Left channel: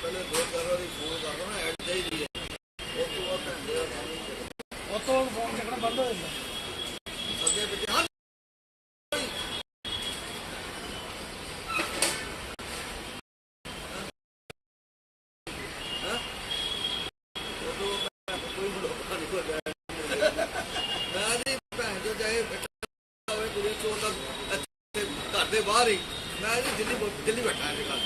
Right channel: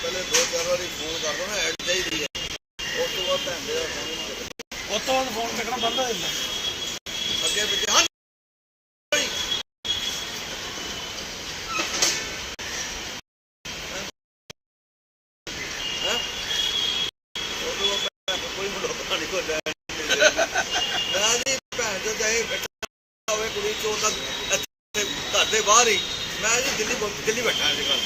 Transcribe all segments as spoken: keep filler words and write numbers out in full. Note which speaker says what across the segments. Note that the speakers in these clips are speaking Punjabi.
Speaker 1: ਪਹਿਲੇ ਦੋ ਚਾਰ ਵਾਰੀ ਫੋਨ ਕਰ ਦੋ ਨਾ ਐਡ ਚਾਹੀਦੀ ਹੈ, ਉਸ ਤੋਂ ਬਾਅਦ ਭੈਣ ਦੇ ਦਾ ਫੋਨ ਹੀ ਨਹੀਂ ਚੱਕਦਾ।
Speaker 2: ਉਸ ਤੋਂ ਬਾਅਦ ਫੋਨ ਚੱਕਣਾ ਬੰਦ ਹੋ ਜਾਂਦਾ।
Speaker 1: ਅੱਗੇ ਪਿੱਛੇ ਹਾਂ ਕੋਈ ਮਲੋਕਾ ਨਹੀਂ ਕੋਈ ਲੈਣ ਮੈਂ ਜੀ ਭੈਣ ਜੋ ਚਾਹੇ ਬੈਠਾ ਹੋਵੇ ਕੁੜੀ ਚੋਰ ਦਾ ਇੱਥੇ ਘਰ ਦੇ ਬਾਹਰ ਹੀ, ਮੈਂ ਜੀ ਦਿੱਲੀ ਦਿੱਲੀ ਬੈਠਾ ਅੱਜ ਕੱਲ੍ਹ।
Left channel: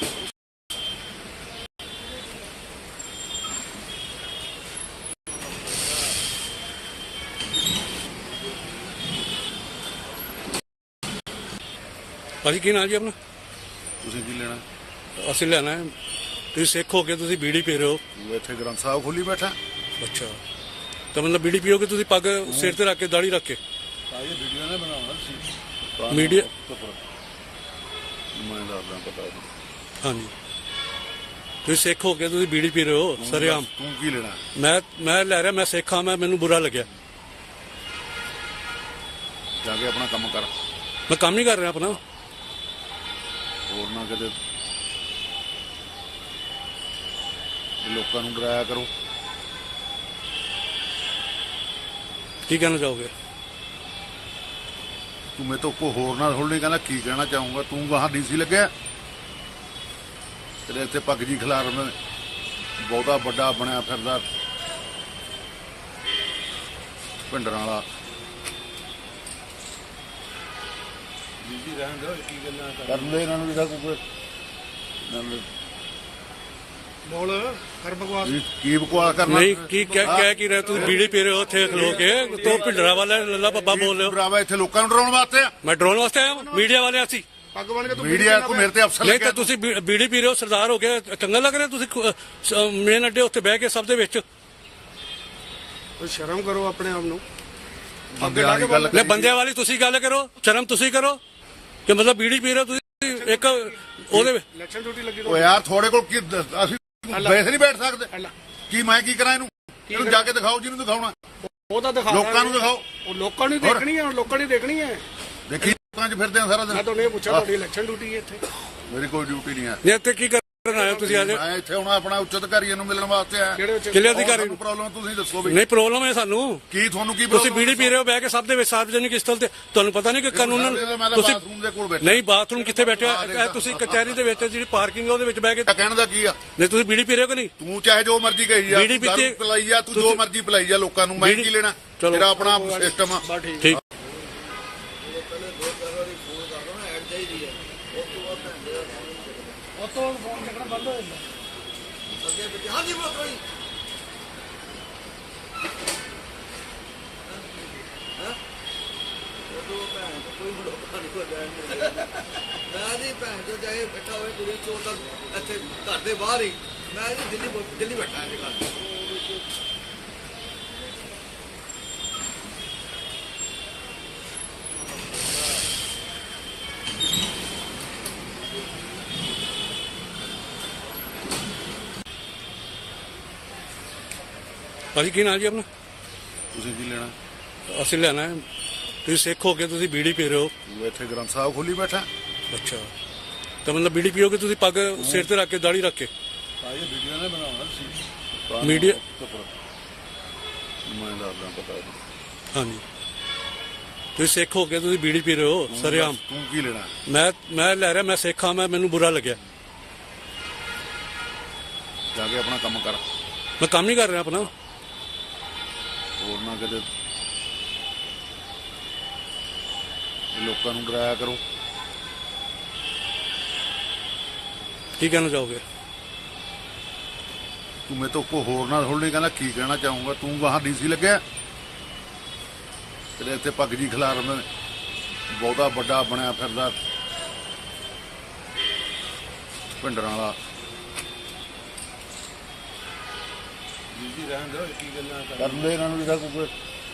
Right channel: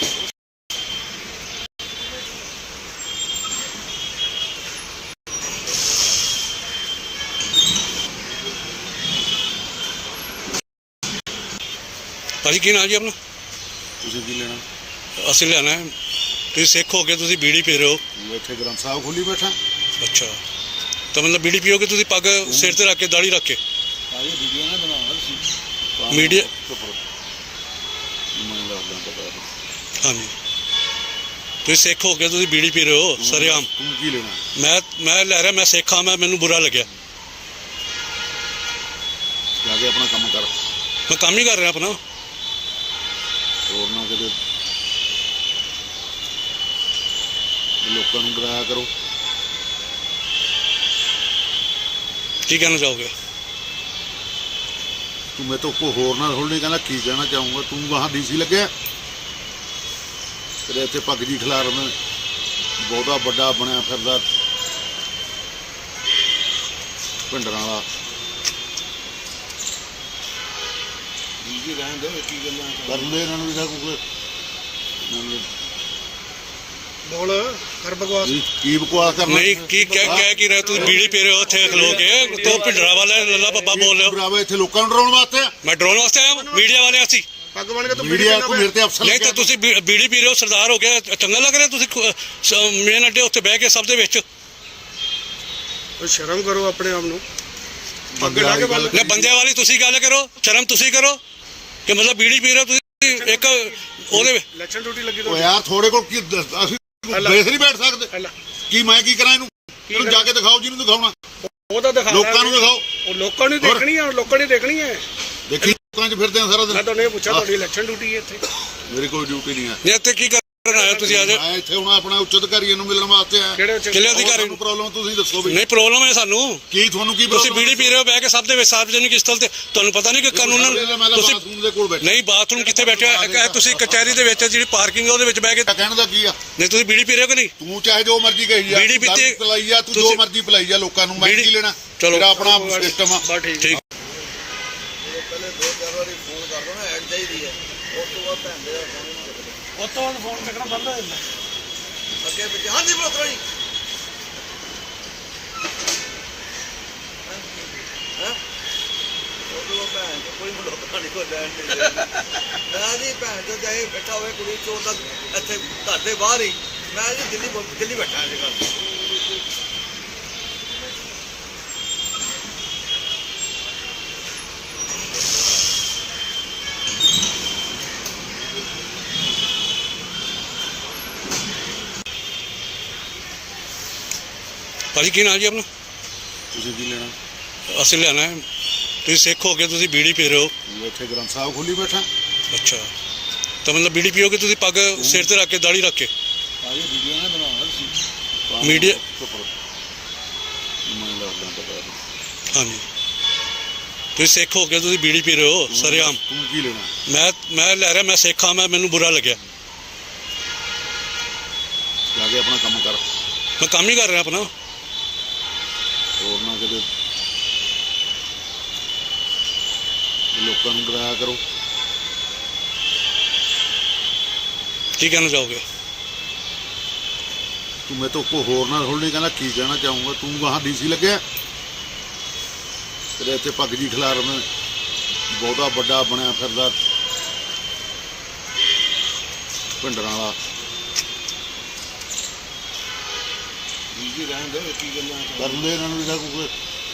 Speaker 3: ਭਾਜੀ ਕੀ ਨਾਂ ਜੀ ਆਪਣਾ?
Speaker 4: ਤੁਸੀਂ ਕੀ ਲੈਣਾ?
Speaker 3: ਅਸੀਂ ਲੈਣਾ ਹੈ। ਤੁਸੀਂ ਸਿੱਖ ਹੋ ਕੇ ਤੁਸੀਂ ਬੀੜੀ ਪੀ ਰਹੇ ਹੋ।
Speaker 4: ਇੱਥੇ ਗ੍ਰੰਥ ਸਾਹਿਬ ਖੋਲੀ ਬੈਠਾ।
Speaker 3: ਅੱਛਾ, ਤਾਂ ਮਤਲਬ ਬੀੜੀ ਪੀਓਗੇ ਤੁਸੀਂ ਪੱਗ ਸਿਰ ਤੇ ਰੱਖ ਕੇ ਦਾੜੀ ਰੱਖ ਕੇ?
Speaker 4: ਸਾਰੀ ਵੀਡੀਓ ਨਾ ਬਣਾਉਣਾ ਸੀ
Speaker 3: ਮੀਡੀਆ
Speaker 4: ਮੈਂ ਲੱਗਦਾ ਪਤਾ।
Speaker 3: ਹਾਂਜੀ, ਤੁਸੀਂ ਸਿੱਖ ਹੋ ਕੇ ਤੁਸੀਂ ਬੀੜੀ ਪੀ ਰਹੇ ਹੋ ਸਰੇਆਮ।
Speaker 4: ਤੂੰ ਕੀ ਲੈਣਾ?
Speaker 3: ਮੈਂ ਮੈਂ ਲੈ ਰਿਹਾ, ਮੈਂ ਸਿੱਖ ਹਾਂ, ਮੈਂ ਮੈਨੂੰ ਬੁਰਾ ਲੱਗਿਆ।
Speaker 4: ਜਾ ਕੇ ਆਪਣਾ ਕੰਮ ਕਰ।
Speaker 3: ਮੈਂ ਕੰਮ ਹੀ ਕਰ ਰਿਹਾ ਆਪਣਾ।
Speaker 4: ਹੋਰ ਨਾ ਕਿਤੇ ਲੋਕਾਂ ਨੂੰ ਡਰਾਇਆ ਕਰੋ।
Speaker 3: ਕੀ ਕਹਿਣਾ ਚਾਹੋਗੇ?
Speaker 4: ਤੂੰ ਮੇਰੇ ਤੋਂ ਕੋਈ ਹੋਰ ਨਾ ਥੋੜ੍ਹੀ ਕਹਿੰਦਾ ਕੀ ਕਹਿਣਾ ਚਾਹੂੰਗਾ। ਤੂੰ ਗਾਹਾਂ ਡੀਸੀ ਲੱਗਿਆ ਤੇਰੇ ਇੱਥੇ ਪੱਗ ਜੀ ਖਿਲਾਰ ਮੈਂ ਬਹੁਤਾ ਵੱਡਾ ਬਣਿਆ ਫਿਰਦਾ ਪਿੰਡਰਾਂ ਵਾਲਾ। ਜੀ ਰਹਿਣ ਦੇ, ਕੀ ਗੱਲਾਂ ਕਰ ਲੈ ਇਹਨਾਂ ਨੂੰ ਵੀ ਕੋਈ
Speaker 2: ਬੋਲ ਕਰ ਬਕਵਾਸ।
Speaker 4: ਕੀ ਬਕਵਾਸ ਕਰਨਾ?
Speaker 3: ਨਹੀਂ, ਕੀ ਕਹਿ ਕਹਿ ਕੀ ਰਹੇ ਤੁਸੀਂ? ਬੀੜੀ ਪੀ ਰਹੇ ਹੋ ਉੱਥੇ ਖਲੋ ਕੇ, ਤੋ ਭਿੰਡਰਾ ਵਾਲਾ ਲੱਲਾ ਬੱਬਾ ਬੋਲ ਰਹੇ ਹੋ।
Speaker 4: ਬਰਾਬਰ ਇੱਥੇ ਲੋਕਾਂ ਨੂੰ ਡਰਾਉਣ ਵਾਸਤੇ ਆ।
Speaker 3: ਮੈਂ ਡਰਾਉਣ ਵਾਸਤੇ ਆਇਆ, ਮੀਡੀਆ ਵਾਲੇ ਅਸੀਂ।
Speaker 2: ਪੱਗ ਬਣ ਕੇ ਤੂੰ
Speaker 4: ਮੀਡੀਆ ਕੋ ਮੇਰੇ ਤੇ ਅਫਸਰ
Speaker 3: ਨਹੀਂ ਤਾਂ ਤੁਸੀਂ ਬੀ- ਬੀੜੀ ਪੀ ਰਹੇ ਹੋ, ਸਰਦਾਰ ਹੋ ਗਿਆ, ਚੰਗਾ ਲੱਗ ਰਿਹਾ ਤੁਸੀਂ ਮੇਨ ਅੱਡੇ ਉੱਤੇ ਬਹਿ ਕੇ ਸਭ ਦੇ ਵਿੱਚ?
Speaker 2: ਕੋਈ ਸ਼ਰਮ ਕਰੋ ਆਪਣੇ ਆਪ ਨੂੰ।
Speaker 4: ਅੱਗੇ ਲਾ ਕੇ ਗੱਲ
Speaker 3: ਨਹੀਂ, ਬੰਦਿਆਂ ਵਾਲੀ ਤੁਸੀਂ ਗੱਲ ਕਰੋ, ਸ਼ਰਮ ਤੁਸੀਂ ਕਰੋ ਕਿ ਮਤਲਬ ਬੀੜੀ ਪੀ ਰਹੇ ਹੋ ਤੁਸੀਂ ਇੱਕ ਉਹਦੇ ਵਿੱਚ।
Speaker 2: ਇਲੈਕਸ਼ਨ ਡਿਊਟੀ ਲੱਗੀ
Speaker 4: ਓ ਯਾਰ ਥੋੜੇ ਕੋਲ ਕੀ ਦ- ਅਸੀਂ ਬੇਸ ਨਹੀਂ ਬੈਠ ਸਕਦੇ ਕੀ? ਮੈਂ ਕੀ ਕਰਾਂ ਇਹਨੂੰ? ਇਹਨੂੰ ਜਾ ਕੇ ਦਿਖਾਓ ਜਿਹਨੂੰ ਦਿਖਾਉਣਾ।
Speaker 2: ਉਹ ਤਾਂ ਦਿਖਾ
Speaker 4: ਲੋਕਾਂ ਨੂੰ ਦਿਖਾਓ।
Speaker 2: ਉਹ ਲੋਕਾਂ ਨੂੰ ਦੇਖਣੀ ਆ, ਲੋਕਾਂ ਨੇ ਦੇਖਣੀ ਹੈ।
Speaker 4: ਦੇਖੀ ਲੋਕਾਂ 'ਚ ਫਿਰਦੇ ਆ ਸਾਰਾ
Speaker 2: ਮੈਂ
Speaker 4: ਦਿਨ।
Speaker 2: ਤੁਹਾਨੂੰ ਇਹ ਪੁੱਛਿਆ ਤੁਹਾਡੀ ਇਲੈਕਸ਼ਨ ਡਿਊਟੀ ਹੈ ਇੱਥੇ?
Speaker 4: ਮੇਰੀ ਕੋਈ ਡਿਊਟੀ ਨਹੀਂ ਹੈ।
Speaker 3: ਨਹੀਂ, ਇੱਥੇ ਕੀ ਕਰਨ ਆਏ ਤੁਸੀਂ ਅੱਜ?
Speaker 4: ਮੈਂ ਇੱਥੇ ਹੁਣ ਆਪਣਾ ਉੱਚ ਅਧਿਕਾਰੀਆਂ ਨੂੰ ਮਿਲਣ ਵਾਸਤੇ ਆਇਆ।
Speaker 2: ਕਿਹੜੇ ਉੱਚ
Speaker 3: ਕਿਲੇ ਅਧਿਕਾਰੀ
Speaker 4: ਤੁਹਾਨੂੰ ਪ੍ਰੋਬਲਮ ਤੁਸੀਂ ਦੱਸੋ ਵੀ।
Speaker 3: ਨਹੀਂ, ਪ੍ਰੋਬਲਮ ਹੈ ਸਾਨੂੰ।
Speaker 4: ਕੀ ਤੁਹਾਨੂੰ ਕੀ
Speaker 3: ਤੁਸੀਂ
Speaker 4: problem
Speaker 3: ਬੀੜੀ ਪੀ ਰਹੇ ਹੋ ਬਹਿ ਕੇ ਸਭ ਦੇ ਵਿੱਚ ਸਾਰਵਜਨਿਕ ਸਥਲ ਤੇ, ਤੁਹਾਨੂੰ ਪਤਾ ਨਹੀਂ ਕਿ ਕਾਨੂੰਨ
Speaker 4: ਮੈਂ ਤਾਂ
Speaker 3: ਤੁਸੀਂ
Speaker 4: ਬਾਥਰੂਮ ਦੇ ਕੋਲ ਬੈਠਾ।
Speaker 3: ਨਹੀਂ, ਬਾਥਰੂਮ ਕਿੱਥੇ ਬੈਠੇ ਹੋ? ਇਹ ਤੁਸੀਂ ਕਚਹਿਰੀ ਦੇ ਵਿੱਚ ਜਿਹੜੀ ਪਾਰਕਿੰਗ ਹੈ ਉਹਦੇ ਵਿੱਚ ਬਹਿ ਕੇ।
Speaker 4: ਕਹਿਣ ਦਾ ਕੀ ਆ?
Speaker 3: ਨਹੀਂ, ਤੁਸੀਂ ਬੀੜੀ ਪੀ ਰਹੇ ਹੋ ਕਿ ਨਹੀਂ?
Speaker 4: ਤੂੰ ਚਾਹੇ ਜੋ ਮਰਜ਼ੀ ਕਹੀ ਜਾ,
Speaker 3: ਬੀੜੀ ਪੀਤੀ-
Speaker 4: ਦਾਰੂ ਪਿਲਾਈ ਜਾ, ਤੂੰ ਜੋ
Speaker 3: ਤੁਸੀਂ-
Speaker 4: ਮਰਜ਼ੀ ਪਿਲਾਈ ਜਾ ਲੋਕਾਂ ਨੂੰ। ਮੈਂ
Speaker 3: ਬੀੜੀ-
Speaker 4: ਕੀ ਲੈਣਾ?
Speaker 3: ਚਲੋ।
Speaker 4: ਮੇਰਾ ਆਪਣਾ ਸਿਸਟਮ ਆ।
Speaker 2: ਬਸ ਠੀਕ।
Speaker 3: ਠੀਕ।
Speaker 1: ਪਹਿਲੇ ਦੋ ਚਾਰ ਵਾਰੀ ਫੋਨ ਕਰ ਦੋ ਨਾ ਐਡ ਚਾਹੀਦੀ ਹੈ, ਉਸ ਤੋਂ ਬਾਅਦ ਭੈਣ ਦੇ ਦਾ ਫੋਨ ਹੀ ਨਹੀਂ ਚੱਕਦਾ।
Speaker 2: ਉਸ ਤੋਂ ਬਾਅਦ ਫੋਨ ਚੱਕਣਾ ਬੰਦ ਹੋ ਜਾਂਦਾ।
Speaker 1: ਅੱਗੇ ਪਿੱਛੇ ਹਾਂ ਜੀ ਮਲੋਕਾ ਜੀ ਹਾਂ ਉਹ ਤੋਂ ਭੈਣ ਕੋਈ ਮਲੋਕਾ ਨਹੀਂ ਕੋਈ ਲੈਣ ਮੈਂ ਜੀ ਭੈਣ ਜੋ ਚਾਹੇ ਬੈਠਾ ਹੋਵੇ ਕੁੜੀ ਚੋਰ ਦਾ ਇੱਥੇ ਘਰ ਦੇ ਬਾਹਰ ਹੀ, ਮੈਂ ਜੀ ਦਿੱਲੀ ਦਿੱਲੀ ਬੈਠਾ ਅੱਜ ਕੱਲ੍ਹ।
Speaker 3: ਭਾਜੀ ਕੀ ਨਾਂ ਜੀ ਆਪਣਾ?
Speaker 4: ਤੁਸੀਂ ਕੀ ਲੈਣਾ?
Speaker 3: ਅਸੀਂ ਲੈਣਾ ਹੈ। ਤੁਸੀਂ ਸਿੱਖ ਹੋ ਕੇ ਤੁਸੀਂ ਬੀੜੀ ਪੀ ਰਹੇ ਹੋ।
Speaker 4: ਇੱਥੇ ਗ੍ਰੰਥ ਸਾਹਿਬ ਖੋਲੀ ਬੈਠਾ।
Speaker 3: ਅੱਛਾ, ਤਾਂ ਮਤਲਬ ਬੀੜੀ ਪੀਓਗੇ ਤੁਸੀਂ ਪੱਗ ਸਿਰ ਤੇ ਰੱਖ ਕੇ ਦਾੜੀ ਰੱਖ ਕੇ?
Speaker 4: ਸਾਰੀ ਵੀਡੀਓ ਨਾ ਬਣਾਉਣਾ ਸੀ
Speaker 3: ਮੀਡੀਆ
Speaker 4: ਮੈਂ ਲੱਗਦਾ ਪਤਾ।
Speaker 3: ਹਾਂਜੀ, ਤੁਸੀਂ ਸਿੱਖ ਹੋ ਕੇ ਤੁਸੀਂ ਬੀੜੀ ਪੀ ਰਹੇ ਹੋ ਸਰੇਆਮ।
Speaker 4: ਤੂੰ ਕੀ ਲੈਣਾ?
Speaker 3: ਮੈਂ ਮੈਂ ਲੈ ਰਿਹਾ, ਮੈਂ ਸਿੱਖ ਹਾਂ, ਮੈਂ ਮੈਨੂੰ ਬੁਰਾ ਲੱਗਿਆ।
Speaker 4: ਜਾ ਕੇ ਆਪਣਾ ਕੰਮ ਕਰ।
Speaker 3: ਮੈਂ ਕੰਮ ਹੀ ਕਰ ਰਿਹਾ ਆਪਣਾ।
Speaker 4: ਹੋਰ ਨਾ ਕਿਤੇ ਲੋਕਾਂ ਨੂੰ ਡਰਾਇਆ ਕਰੋ।
Speaker 3: ਕੀ ਕਹਿਣਾ ਚਾਹੋਗੇ?
Speaker 4: ਤੂੰ ਮੇਰੇ ਤੋਂ ਕੋਈ ਹੋਰ ਨਾ ਥੋੜ੍ਹੀ ਕਹਿੰਦਾ ਕੀ ਕਹਿਣਾ ਚਾਹੂੰਗਾ। ਤੂੰ ਗਾਹਾਂ ਡੀਸੀ ਲੱਗਿਆ ਤੇਰੇ ਇੱਥੇ ਪੱਗ ਜੀ ਖਿਲਾਰ ਮੈਂ ਬਹੁਤਾ ਵੱਡਾ ਬਣਿਆ ਫਿਰਦਾ ਪਿੰਡਰਾਂ ਵਾਲਾ। ਜੀ ਰਹਿਣ ਦੇ, ਕੀ ਗੱਲਾਂ ਕਰ ਲੈ ਇਹਨਾਂ ਨੂੰ ਵੀ ਕੋਈ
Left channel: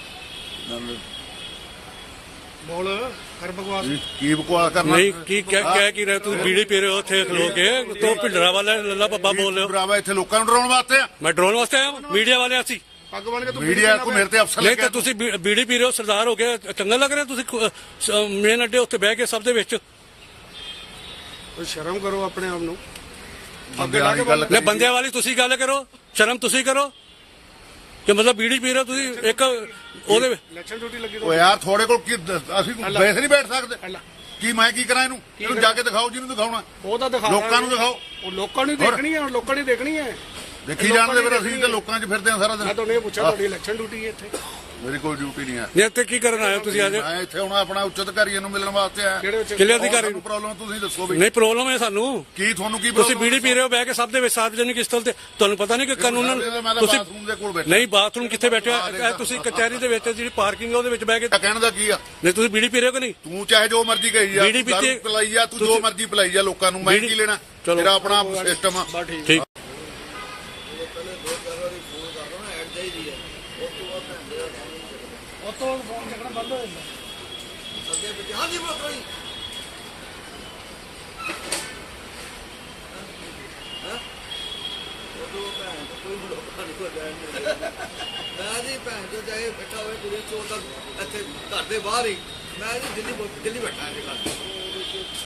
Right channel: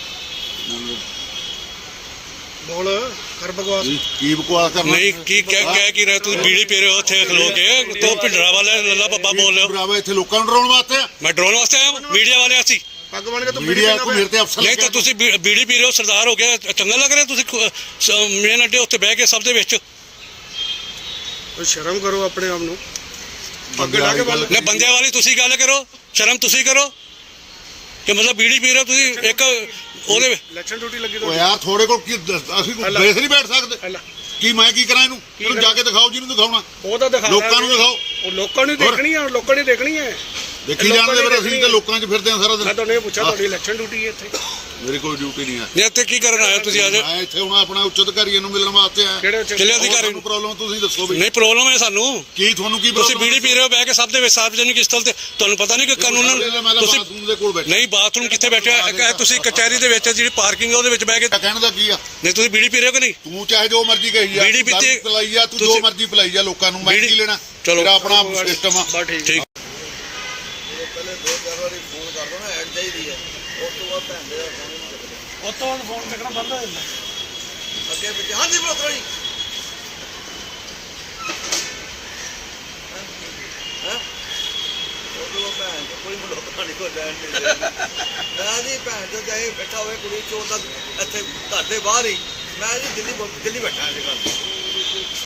Speaker 2: ਬੋਲ ਕਰ ਬਕਵਾਸ।
Speaker 4: ਕੀ ਬਕਵਾਸ ਕਰਨਾ?
Speaker 3: ਨਹੀਂ, ਕੀ ਕਹਿ ਕਹਿ ਕੀ ਰਹੇ ਤੁਸੀਂ? ਬੀੜੀ ਪੀ ਰਹੇ ਹੋ ਉੱਥੇ ਖਲੋ ਕੇ, ਤੋ ਭਿੰਡਰਾ ਵਾਲਾ ਲੱਲਾ ਬੱਬਾ ਬੋਲ ਰਹੇ ਹੋ।
Speaker 4: ਬਰਾਬਰ ਇੱਥੇ ਲੋਕਾਂ ਨੂੰ ਡਰਾਉਣ ਵਾਸਤੇ ਆ।
Speaker 3: ਮੈਂ ਡਰਾਉਣ ਵਾਸਤੇ ਆਇਆ, ਮੀਡੀਆ ਵਾਲੇ ਅਸੀਂ।
Speaker 2: ਪੱਗ ਬਣ ਕੇ ਤੂੰ
Speaker 4: ਮੀਡੀਆ ਕੋ ਮੇਰੇ ਤੇ ਅਫਸਰ
Speaker 3: ਨਹੀਂ ਤਾਂ ਤੁਸੀਂ ਬੀ- ਬੀੜੀ ਪੀ ਰਹੇ ਹੋ, ਸਰਦਾਰ ਹੋ ਗਿਆ, ਚੰਗਾ ਲੱਗ ਰਿਹਾ ਤੁਸੀਂ ਮੇਨ ਅੱਡੇ ਉੱਤੇ ਬਹਿ ਕੇ ਸਭ ਦੇ ਵਿੱਚ?
Speaker 2: ਕੋਈ ਸ਼ਰਮ ਕਰੋ ਆਪਣੇ ਆਪ ਨੂੰ।
Speaker 4: ਬੰਦੇ ਵਾਲੀ ਗੱਲ
Speaker 3: ਨੇ ਬੰਦਿਆਂ ਵਾਲੀ ਤੁਸੀਂ ਗੱਲ ਕਰੋ, ਸ਼ਰਮ ਤੁਸੀਂ ਕਰੋ ਕਿ ਮਤਲਬ ਬੀੜੀ ਪੀ ਰਹੇ ਹੋ ਤੁਸੀਂ ਇੱਕ ਉਹਦੇ
Speaker 2: ਇਲੈਕਸ਼ਨ ਡਿਊਟੀ ਲੱਗੀ
Speaker 4: ਓ ਯਾਰ ਥੋੜੇ ਕੋਲ ਕੀ ਦੱਸ- ਅਸੀਂ ਬੈਠ ਨਹੀਂ ਬੈਠ ਸਕਦੇ
Speaker 2: ਅੱਲਾ
Speaker 4: ਕੀ ਮੈਂ ਕੀ ਕਰਾਂ ਇਹਨੂੰ ਇਹਨੂੰ ਜਾ ਕੇ ਦਿਖਾਓ ਜਿਹਨੂੰ ਦਿਖਾਉਣਾ
Speaker 2: ਉਹ ਤਾਂ ਦਿਖਾ
Speaker 4: ਲੋਕਾਂ ਨੂੰ ਦਿਖਾਓ
Speaker 2: ਉਹ ਲੋਕਾਂ ਨੂੰ ਹੀ ਦੇਖਣੀ ਹੈ ਲੋਕਾਂ ਨੇ ਦੇਖਣੀ ਹੈ
Speaker 4: ਦੇਖੀ ਜਾਣਦੇ ਫਿਰ ਅਸੀਂ ਤਾਂ ਲੋਕਾਂ 'ਚ ਫਿਰਦੇ ਆ ਸਾਰਾ
Speaker 2: ਮੈਂ
Speaker 4: ਦਿਨ
Speaker 2: ਤੁਹਾਨੂੰ ਇਹ ਪੁੱਛਿਆ ਤੁਹਾਡੀ ਇਲੈਕਸ਼ਨ ਡਿਊਟੀ ਹੈ ਇੱਥੇ
Speaker 4: ਮੇਰੀ ਕੋਈ ਡਿਊਟੀ ਨਹੀਂ ਹੈ
Speaker 3: ਨੇ ਇੱਥੇ ਕੀ ਕਰਨ ਆਏ ਹੋ ਤੁਸੀਂ ਅੱਜ?
Speaker 4: ਮੈਂ ਇੱਥੇ ਹੁਣ ਆਪਣਾ ਉੱਚ ਅਧਿਕਾਰੀਆਂ ਨੂੰ ਮਿਲਣ ਵਾਸਤੇ ਆਇਆ
Speaker 2: ਕਿਹੜੇ ਉੱਚ-
Speaker 3: ਕਿਲੇ ਅਧਿਕਾਰੀ
Speaker 4: ਤੁਹਾਨੂੰ ਪ੍ਰੋਬਲਮ ਤੁਸੀਂ ਦੱਸੋ ਵੀ
Speaker 3: ਨਹੀਂ ਪ੍ਰੋਬਲਮ ਹੈ ਸਾਨੂੰ।
Speaker 4: ਕੀ ਤੁਹਾਨੂੰ ਕੀ
Speaker 3: ਤੁਸੀਂ
Speaker 4: problem
Speaker 3: ਬੀੜੀ ਪੀ ਰਹੇ ਹੋ ਬਹਿ ਕੇ ਸਭ ਦੇ ਵਿੱਚ ਸਾਰਵਜਨਿਕ ਸਥਲ ਤੇ ਤੁਹਾਨੂੰ ਪਤਾ ਨਹੀਂ ਕਿ ਕਾਨੂੰਨ
Speaker 4: ਮੈਂ ਤਾਂ
Speaker 3: ਤੁਸੀਂ
Speaker 4: ਬਾਥਰੂਮ ਦੇ ਕੋਲ ਬੈਠਾ
Speaker 3: ਨਹੀਂ ਬਾਥਰੂਮ ਕਿੱਥੇ ਬੈਠੇ ਹੋ ਇਹ ਤੁਸੀਂ ਕਚਹਿਰੀ ਦੇ ਵਿੱਚ ਜਿਹੜੀ ਪਾਰਕਿੰਗ ਹੈ ਉਹਦੇ ਵਿੱਚ ਬਹਿ ਕੇ
Speaker 4: ਕਹਿਣ ਦਾ ਕੀ ਆ
Speaker 3: ਨਹੀਂ ਤੁਸੀਂ ਬੀੜੀ ਪੀ ਰਹੇ ਹੋ ਕਿ ਨਹੀਂ?
Speaker 4: ਤੂੰ ਚਾਹੇ ਜੋ ਮਰਜ਼ੀ ਕਹੀ ਜਾ
Speaker 3: ਬੀੜੀ ਪੀਤੀ-
Speaker 4: ਦਾਰੂ ਪਿਲਾਈ ਜਾ ਤੂੰ ਜੋ
Speaker 3: ਤੁਸੀਂ-
Speaker 4: ਮਰਜ਼ੀ ਪਿਲਾਈ ਜਾ ਲੋਕਾਂ ਨੂੰ ਮੈਂ
Speaker 3: ਬੀੜੀ-
Speaker 4: ਕੀ ਲੈਣਾ
Speaker 3: ਚਲੋ।
Speaker 4: ਮੇਰਾ ਆਪਣਾ ਸਿਸਟਮ ਆ
Speaker 2: ਬਸ ਠੀਕ
Speaker 3: ਠੀਕ
Speaker 1: ਜਦੋਂ ਪਹਿਲੇ ਦੋ ਚਾਰ ਵਾਰੀ ਫੋਨ ਕਰ ਦੋ ਨਾ ਐਡ ਚਾਹੀਦੀ ਹੈ ਉਸ ਤੋਂ ਬਾਅਦ ਭੈਣ ਦੇ ਫੋਨ ਨਹੀਂ ਚੱਕਦੇ
Speaker 2: ਉਹ ਤੋਂ ਫੋਨ ਚੱਕਣਾ ਬੰਦ ਹੋ ਜਾਂਦਾ
Speaker 1: ਅੱਗੇ ਪਿੱਛੇ ਹਾਂਜੀ ਬਰੋਤਰਾ ਜੀ ਹਾਂ ਉਦੋਂ ਭੈਣ ਚੋਦ ਕੋਈ ਮਲੋਕਾ ਨਹੀਂ ਕੋਈ ਲੈਣ ਨਹੀਂ ਦੇਣ ਨਾ ਜੀ ਭੈਣ ਚੋਦ ਚਾਹੇ ਬੈਠਾ ਹੋਵੇ ਕੁੜੀ ਚੋਰ ਤਾਂ ਇੱਥੇ ਘਰ ਦੇ ਬਾਹਰ ਹੀ ਮੈਂ ਜੀ ਦਿੱਲੀ ਦਿੱਲੀ ਬੈਠਾ ਅੱਜ ਕੱਲ੍ਹ